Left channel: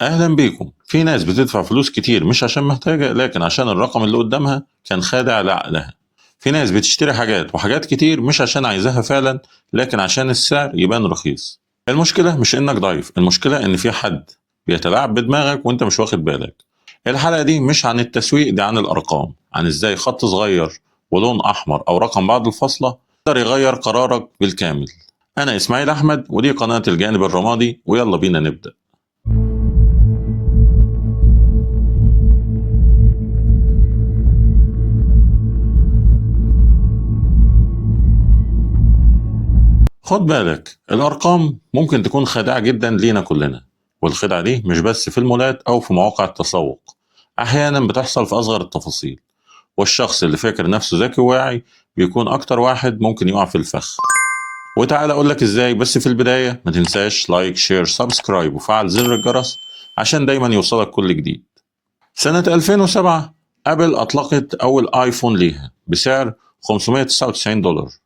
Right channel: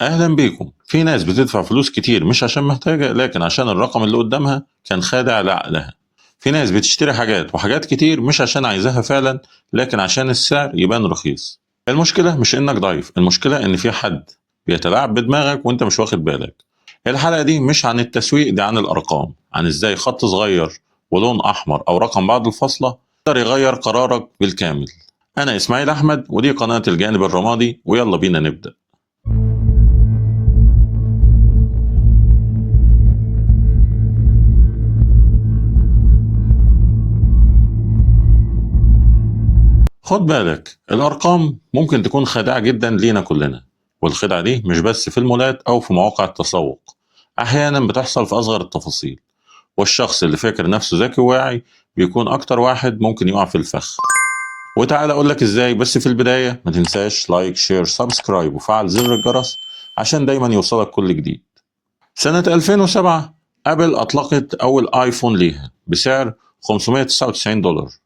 أهلا بيكم. في ناس بتدفع فلوس كتير مش عشان محتاجة، لكن عشان الرقم اللي قدامها كان خادع لعقلها. في ناس بتشتري حاجات وحاجات كتير مش عشان عايزاها فعلا، لكن عشان السعر يبان رخيص. المشكلة مش إنك ضعيف، المشكلة إن في حد بيتلاعب بدماغك وإنت مش واخد بالك. الحلقة دي مش عن التسويق، دي عن الأرقام، عن إزاي خط صغير ولون أحمر أو رقم بعد الفاصلة يقدر يغير قرارك بالكامل. أنا إسماعيل أحمد ودي قناة الجانب الرمادي، ويلا بينا نبدأ. خد بالك، الأرقام ممكن تكون خادعة جدا لينا كلنا، والخدعة دي مش بس في المولات أو في مواقع التسوق، أحيانا بتحصل في أصغر التفاصيل، والشخص اللي فاكر نفسه ذكي وواعي بيكون أكتر واحد ممكن يقع في الفخ. وتعالى أقولك إزاي، بس في البداية ما تنساش لايك شير سبسكرايب وفعل زر الجرس عشان دايما يوصلك كل جديد. سنة 2007 أبل أطلقت أول آيفون ليها بسعر $599.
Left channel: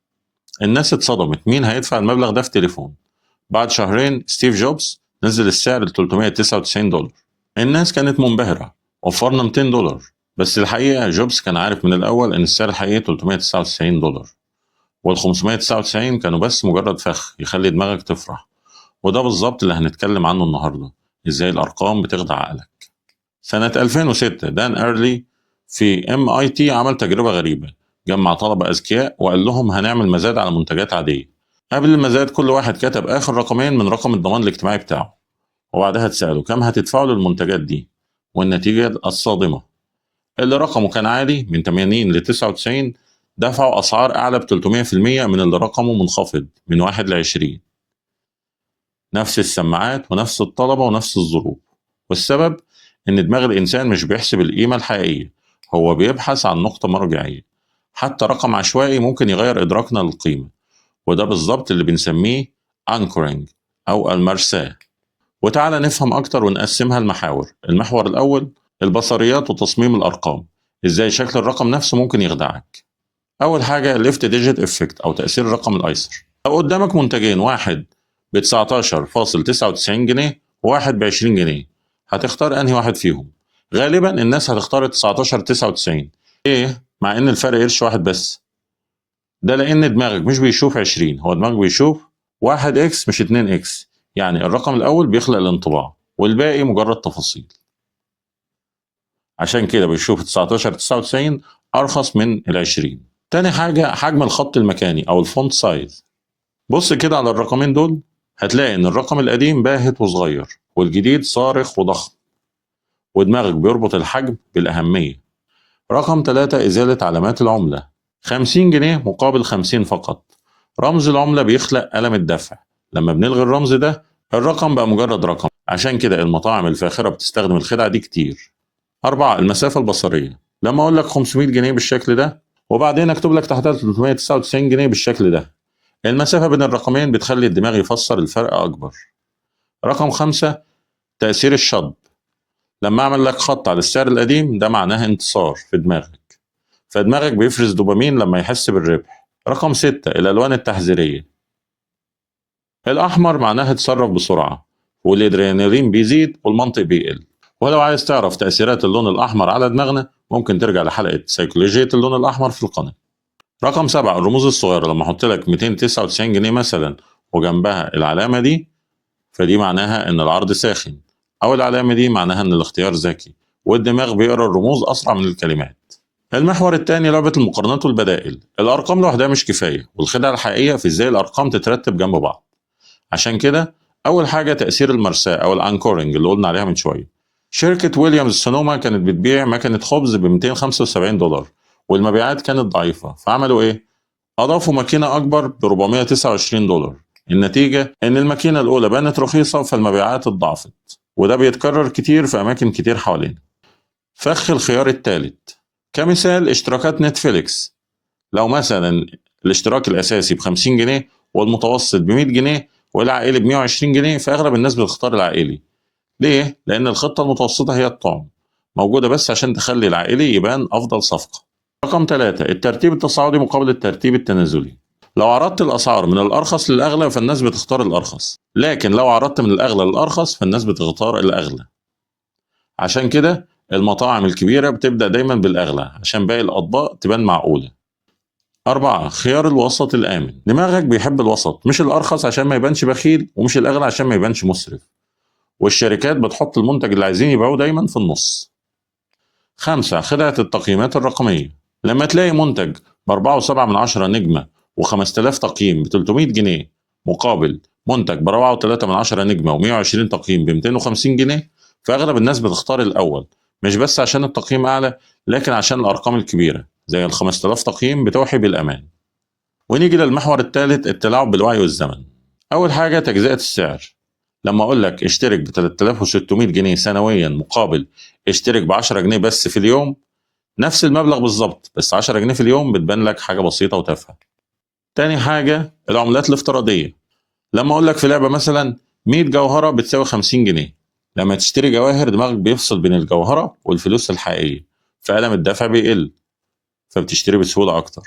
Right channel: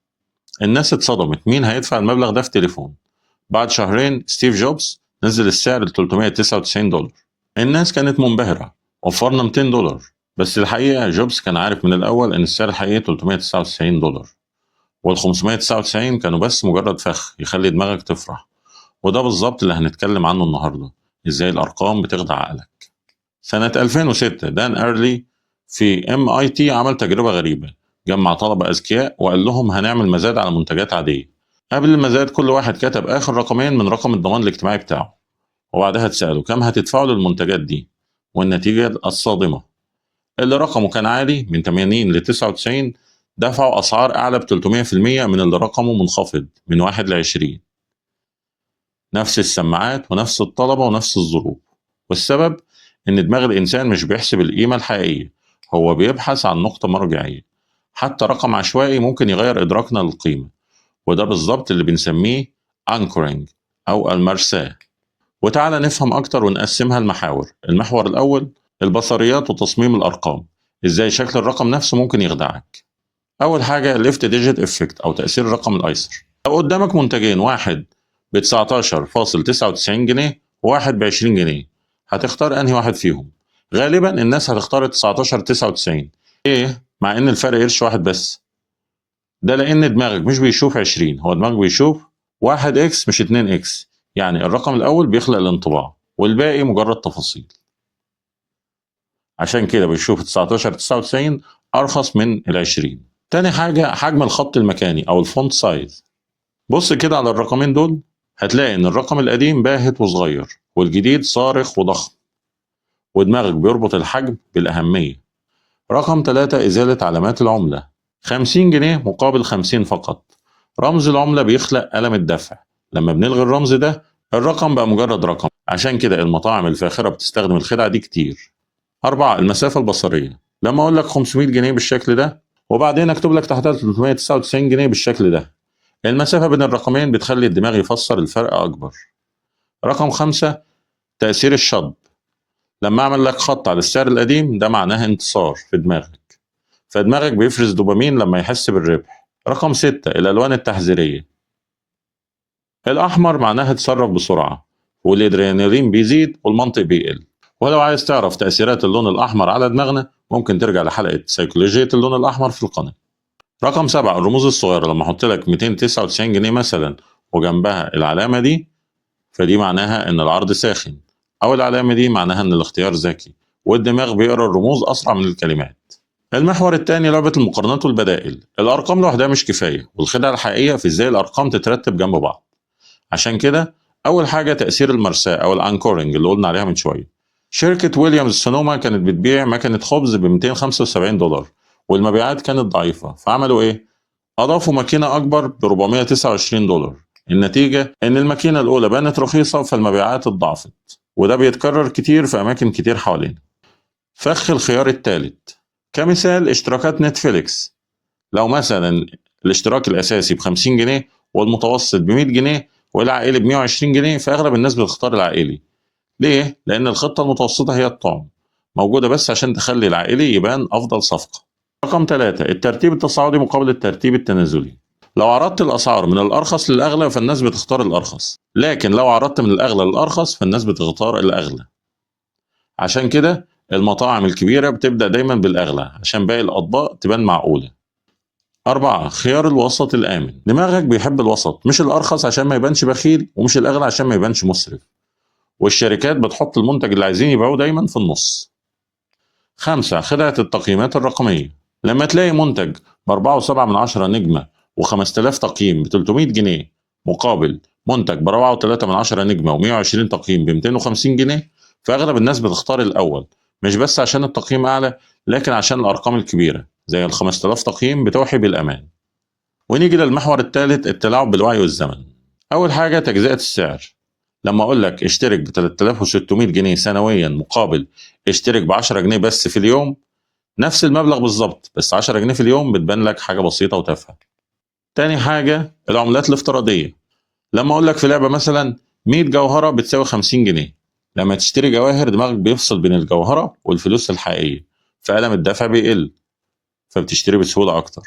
الناس اتصدمت، مين هيدفع المبلغ ده في تليفون؟ بعد شهرين ستيف جوبز نزل السعر ل $399. الناس كانت منبهرة، وفرنا $200، بس الحقيقة جوبز كان عارف من الأول إن السعر الحقيقي $399، وال 599 كانوا بس مجرد فخ يخلي دماغك تفرح. وده بالظبط اللي هنتكلم عنه النهاردة، إزاي الأرقام بتخدع عقلك. سنة 2006 دان أرلي في MIT عمل تجربة غريبة، جمع طلبة أذكياء وقال لهم هنعمل مزاد على منتجات عادية. قبل المزاد كل واحد كتب آخر رقمين من رقم الضمان الاجتماعي بتاعه، وبعدها اتسألوا كم هتدفعوا للمنتجات دي، والنتيجة الصادمة، اللي رقمه كان عالي من 80 ل 99 دفعوا أسعار أعلى ب 300% من اللي رقمه منخفض من 1 ل 20. نفس السماعات ونفس الطلبة ونفس الظروف، والسبب إن دماغ الإنسان مش بيحسب القيمة الحقيقية، هو بيبحث عن نقطة مرجعية. حتى رقم عشوائي ممكن يغير إدراكنا للقيمة، وده بالظبط اللي بنسميه anchoring أو المرساة. وتعالى نفهم أكتر ونقسمها لمحاور. المحور الأول البصريات وتصميم الأرقام، إزاي شكل الرقم نفسه ممكن يخدعك. أول حاجة الليفت ديجيت إفكت أو تأثير الرقم الأيسر. لو قدامك منتجين، واحد ب 19.99 جنيه وواحد ب 20 جنيه، هتختار أنهي واحد فيهم؟ غالبا الناس هتختار 19.99. إيه؟ مع إن الفرق قرش واحد بس. ده لأن دماغك مش بيشوف 20، هو دماغك بيشوف 1 إكس مش 2 إكس، يعني الرقم الأول بيخلق الانطباع والباقي مجرد تفاصيل. عشان كده بيشوف 19.99 أرخص من ال 20. تاني حاجة حجم الخط المكاني أو الفونت سايز. بص كده على الرقمين دول، هتلاقي إن الرقم القديم باهت وصغير والجديد صارخ وضخم، ودماغك بيربط الحجم بالأهمية. رقم 3 إزالة علامات العملة. 50 جنيه مقابل 50 فقط. رمز العملة بيخلق ألم الدفع، لما بنلغي الرمز ده الرقم بقى مجرد رقم. عشان كده المطاعم الفاخرة بتستخدم الخدعة دي كتير. 4 المسافة البصرية. لما أقول لك 500 جنيه بالشكل ده وبعدين أكتب لك تحتها 399 جنيه بالشكل ده، المسافة بين الرقمين بتخلي الدماغ يفسر الفرق أكبر. رقم 5 تأثير الشطب. لما أعمل لك خط على السعر القديم ده معناه انتصار في دماغك، فدماغك بيفرز دوبامين لما يحس بالربح. رقم 6 الألوان التحذيرية. الأحمر معناها اتصرف بسرعة، والأدرينالين بيزيد والمنطق بيقل. ولو عايز تعرف تأثيرات اللون الأحمر على دماغنا ممكن ترجع لحلقة سيكولوجية اللون الأحمر في القناة. رقم 7 الرموز الصغيرة. لما أحط لك 299 جنيه مثلا وجنبها العلامة دي، فدي معناها إن العرض ساخن، أو العلامة دي معناها إن الاختيار ذكي، والدماغ بيقرأ الرموز أسرع من الكلمات. المحور الثاني لعبة المقارنات والبدائل. الأرقام لوحدها مش كفاية، والخدعة الحقيقية في إزاي الأرقام تترتب جنب بعض. عشان كده أول حاجة تأثير المرساة أو الأنكورنج اللي قلنا عليها من شوية. شركة ويليامز سونوما كانت بتبيع مكنة خبز ب $275، والمبيعات كانت ضعيفة، فعملوا إيه؟ أضافوا ماكينة أكبر ب $429. النتيجة إن الماكينة الأولى بانت رخيصة فالمبيعات اتضاعفت، وده بيتكرر كتير في أماكن كتير حوالينا. فخ الخيار الثالث. كمثال اشتراكات نتفليكس. لو مثلا الاشتراك الأساسي ب50 جنيه والمتوسط ب100 جنيه والعائلي ب120 جنيه، فأغلب الناس بتختار العائلي. ليه؟ لأن الخطة المتوسطة هي الطعم، موجودة بس عشان تخلي العائلي يبان أفضل صفقة. رقم 3 الترتيب التصاعدي مقابل الترتيب التنازلي. لو عرضت الأسعار من الأرخص للأغلى فالناس بتختار الأرخص، لكن لو عرضت من الأغلى للأرخص فالناس بتختار الأغلى. عشان كده المطاعم الكبيرة بتبدأ دايما بالأغلى عشان باقي الأطباق تبان معقولة. 4. خيار الوسط الآمن. دماغك بيحب الوسط، مش الأرخص عشان ما يبانش بخيل، ومش الأغلى عشان ما يبانش مسرف. والشركات بتحط المنتج اللي عايزين يبيعوه دايما في النص. 5. خدعة التقييمات الرقمية. لما تلاقي منتج ب4.7 نجمة و5000 تقييم ب300 جنيه، مقابل منتج ب4.3 نجمة و120 تقييم ب250 جنيه، فأغلب الناس بتختار الأول، مش بس عشان التقييم أعلى، لكن عشان الأرقام الكبيرة زي ال5000 تقييم بتوحي بالأمان. ونيجي للمحور الثالث، التلاعب بالوعي والزمن. أول حاجة تجزئة السعر. لما أقول لك اشترك ب 3600 جنيه سنويا مقابل اشترك ب 10 جنيه بس في اليوم، نفس المبلغ بالظبط بس 10 جنيه في اليوم بتبان لك حاجة بسيطة وتافهة. تاني حاجة العملات الافتراضية. لما أقول لك في لعبة مثلا 100 جوهرة بتساوي 50 جنيه، لما تشتري جواهر دماغك بيفصل بين الجوهرة والفلوس الحقيقية، فألم الدفع بيقل، فبتشتري بسهولة أكتر.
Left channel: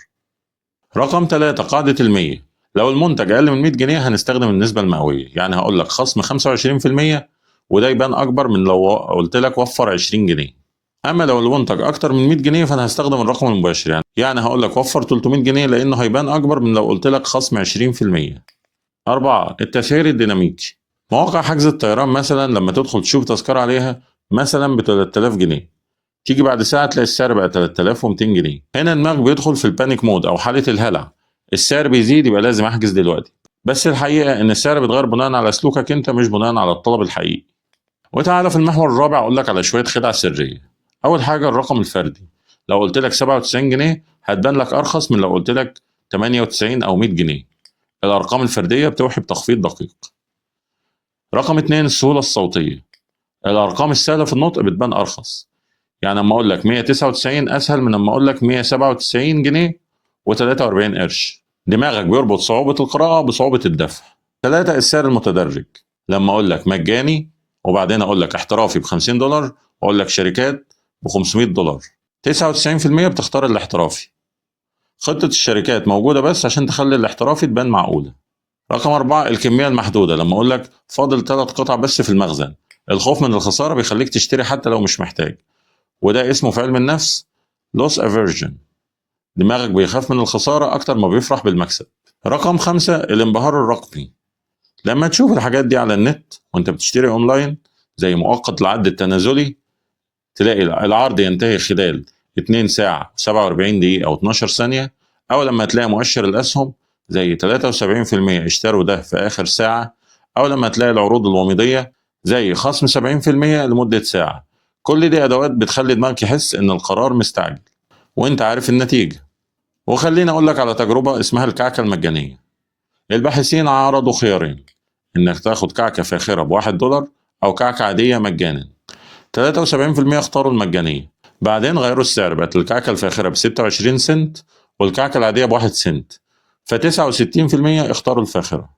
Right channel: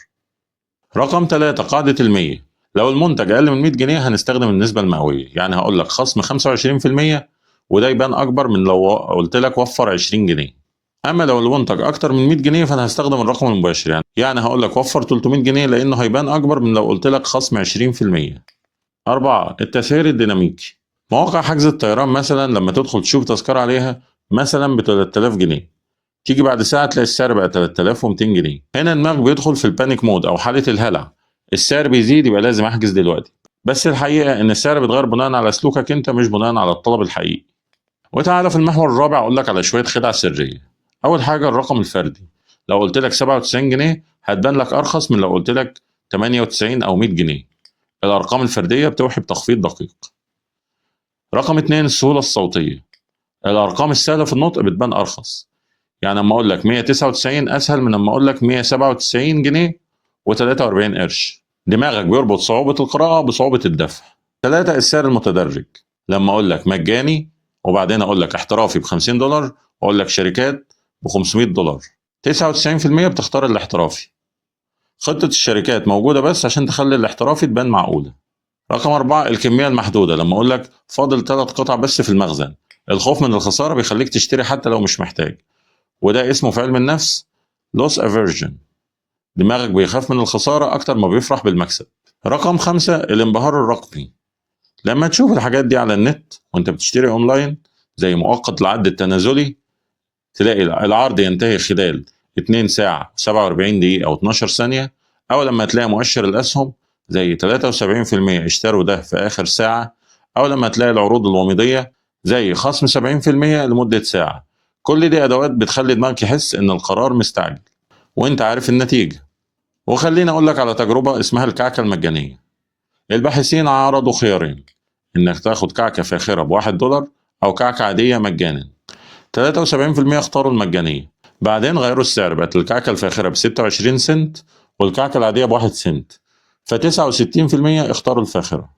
رقم 3 قاعدة المية. لو المنتج أقل من 100 جنيه هنستخدم النسبة المئوية، يعني هقول لك خصم 25%، وده يبان أكبر من لو قلت لك وفر 20 جنيه. أما لو المنتج أكتر من 100 جنيه فأنا هستخدم الرقم المباشر، يعني هقول لك وفر 300 جنيه لأنه هيبان أكبر من لو قلت لك خصم 20%. 4. التسعير الديناميكي. مواقع حجز الطيران مثلا لما تدخل تشوف تذكرة عليها مثلا ب 3000 جنيه، تيجي بعد ساعة تلاقي السعر بقى 3200 جنيه. هنا دماغك بيدخل في البانيك مود أو حالة الهلع، السعر بيزيد يبقى لازم أحجز دلوقتي. بس الحقيقة إن السعر بيتغير بناء على سلوكك أنت، مش بناء على الطلب الحقيقي. وتعالى في المحور الرابع أقول لك على شوية خدع سرية. أول حاجة الرقم الفردي. لو قلت لك 97 جنيه هتبان لك أرخص من لو قلت لك 98 أو 100 جنيه. الأرقام الفردية بتوحي بتخفيض دقيق. رقم 2 السهولة الصوتية. الأرقام السهلة في النطق بتبان أرخص، يعني لما اقول لك 199 اسهل من لما اقول لك 197 جنيه و43 قرش. دماغك بيربط صعوبة القراءة بصعوبة الدفع. 3 السعر المتدرج. لما اقول لك مجاني وبعدين اقول لك احترافي ب $50 واقول لك شركات ب $500، 99% بتختار الاحترافي. خطة الشركات موجودة بس عشان تخلي الاحترافي تبان معقولة. رقم 4 الكمية المحدودة. لما اقول لك فاضل 3 قطع بس في المخزن، الخوف من الخسارة بيخليك تشتري حتى لو مش محتاج، وده اسمه في علم النفس loss aversion. دماغك بيخاف من الخسارة أكتر ما بيفرح بالمكسب. رقم 5 الانبهار الرقمي. لما تشوف الحاجات دي على النت وانت بتشتري اونلاين زي مؤقت العد التنازلي، تلاقي العرض ينتهي خلال 2 ساعة 47 دقيقة أو 12 ثانية، أو لما تلاقي مؤشر الأسهم زي 73% اشتروا ده في آخر ساعة، أو لما تلاقي العروض الوميضية زي خصم 70% لمدة ساعة. كل دي أدوات بتخلي دماغك يحس إن القرار مستعجل وإنت عارف النتيجة. وخليني أقول لك على تجربة اسمها الكعكة المجانية. الباحثين عرضوا خيارين، إنك تاخد كعكة فاخرة ب$1 أو كعكة عادية مجانا. 73% اختاروا المجانية، بعدين غيروا السعر، بقت الكعكة الفاخرة ب26 سنت والكعكة العادية ب1 سنت، ف69% اختاروا الفاخرة.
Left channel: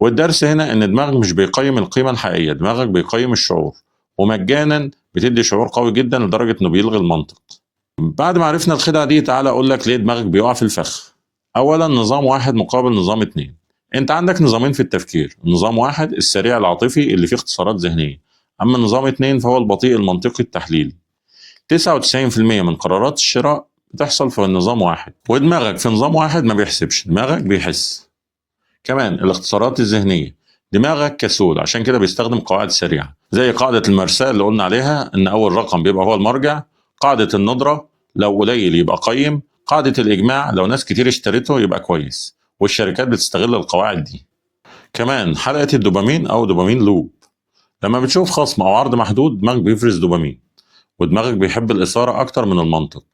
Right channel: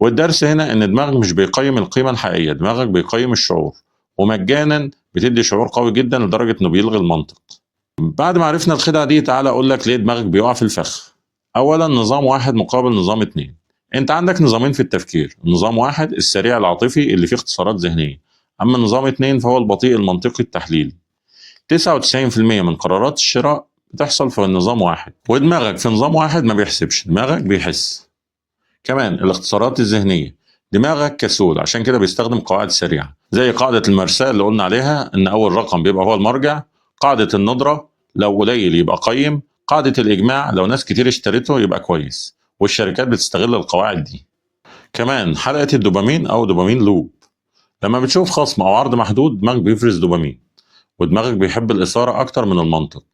والدرس هنا إن دماغك مش بيقيم القيمة الحقيقية، دماغك بيقيم الشعور، ومجانا بتدي شعور قوي جدا لدرجة إنه بيلغي المنطق. بعد ما عرفنا الخدعة دي تعالى أقول لك ليه دماغك بيقع في الفخ. أولا نظام واحد مقابل نظام اتنين. أنت عندك نظامين في التفكير، نظام واحد السريع العاطفي اللي فيه اختصارات ذهنية، أما نظام اتنين فهو البطيء المنطقي التحليلي. 99% من قرارات الشراء بتحصل في نظام واحد، ودماغك في نظام واحد ما بيحسبش، دماغك بيحس. كمان الاختصارات الذهنية، دماغك كسول عشان كده بيستخدم قواعد سريعة زي قاعدة المرساة اللي قلنا عليها إن أول رقم بيبقى هو المرجع، قاعدة الندرة لو قليل يبقى قيم، قاعدة الإجماع لو ناس كتير اشتريته يبقى كويس، والشركات بتستغل القواعد دي. كمان حلقة الدوبامين أو دوبامين لوب. لما بتشوف خصم أو عرض محدود دماغك بيفرز دوبامين، ودماغك بيحب الإثارة أكتر من المنطق.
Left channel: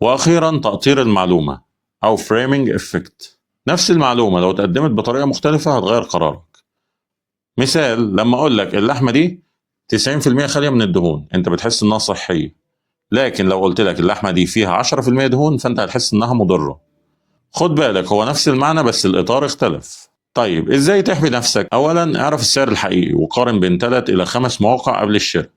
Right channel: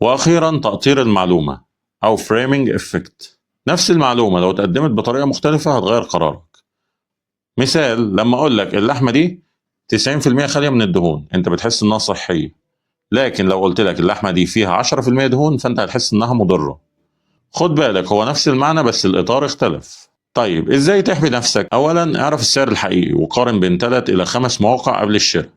وأخيرا تأطير المعلومة أو framing effect. نفس المعلومة لو اتقدمت بطريقة مختلفة هتغير قرارك. مثال لما أقول لك اللحمة دي 90% خالية من الدهون، أنت بتحس إنها صحية، لكن لو قلت لك اللحمة دي فيها 10% دهون فأنت هتحس إنها مضرة. خد بالك هو نفس المعنى بس الإطار اختلف. طيب إزاي تحمي نفسك؟ أولا اعرف السعر الحقيقي وقارن بين 3 إلى 5 مواقع قبل الشراء.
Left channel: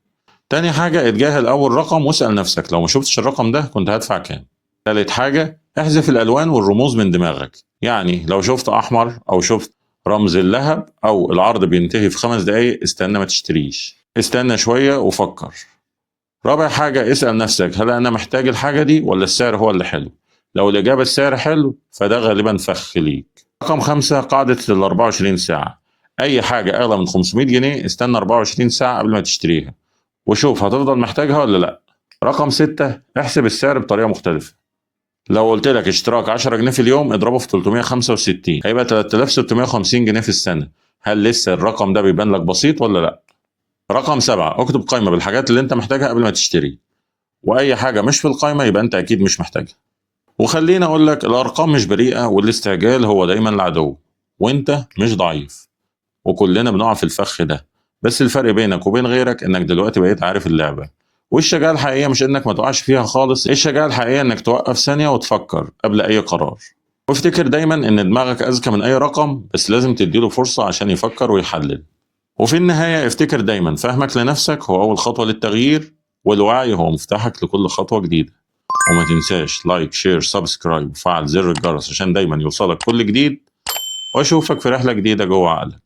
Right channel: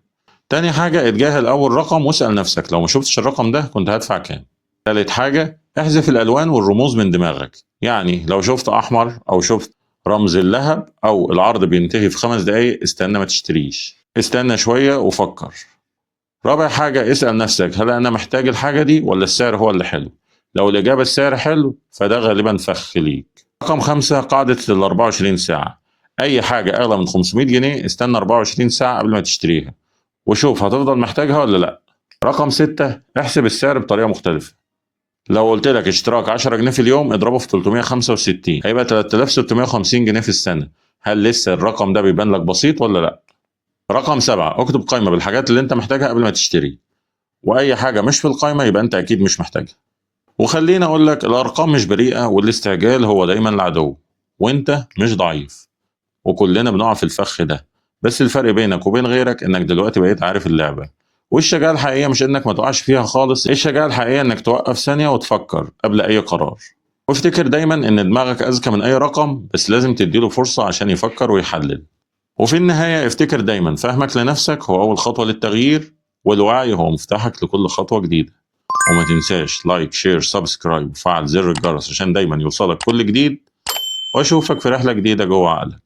تاني حاجة اتجاهل أول رقم واسأل نفسك لو ما شفتش الرقم ده كنت هدفع كام. تالت حاجة احذف الألوان والرموز من دماغك، يعني لو شفت أحمر أو شفت رمز اللهب أو العرض بينتهي في 5 دقايق استنى ما تشتريش، استنى شوية وفكر. رابع حاجة، اسأل نفسك هل أنا محتاج الحاجة دي ولا السعر هو اللي حلو؟ لو الإجابة السعر حلو فده غالبا فخ ليك. رقم 5، قاعدة ال 24 ساعة. أي حاجة أغلى من 500 جنيه استنى 24 ساعة قبل ما تشتريها وشوف هتفضل محتاجها ولا لأ. رقم 6، احسب السعر بطريقة مختلفة. لو قلت لك اشتراك 10 جنيه في اليوم اضربه في 365 هيبقى 3650 جنيه في السنة. هل لسه الرقم ده بيبان لك بسيط ولا لأ؟ رقم 7، اكتب قائمة بالحاجات اللي انت محتاجها قبل ما تشتري، واي حاجة مش في القائمة يبقى انت اكيد مش محتاجها. وخليني اقول لك الارقام مش بريئة والاستعجال هو دايما العدو، وانت مش ضعيف، وكلنا بنقع في الفخ ده. بس الفرق بينك وبين غيرك انك دلوقتي بقيت عارف اللعبة. والشجاعة الحقيقية مش انك ما تقعش فيها خالص، الشجاعة الحقيقية انك توقف ثانية وتفكر قبل اي قرار. وافتكر دايما ان دماغك اذكى من اي رقم، بس لازم تديله فرصة عشان يفكر ويحلل. وفي النهاية افتكر دايما فهمك لنفسك هو أول خطوة للتغيير، والوعي هو مفتاحك لكل خطوة جديدة. وما تنساش لايك شير سبسكرايب وفعل زر الجرس عشان دايما يوصلك كل جديد، وأشوفك في رحلة جديدة جوه عقلك.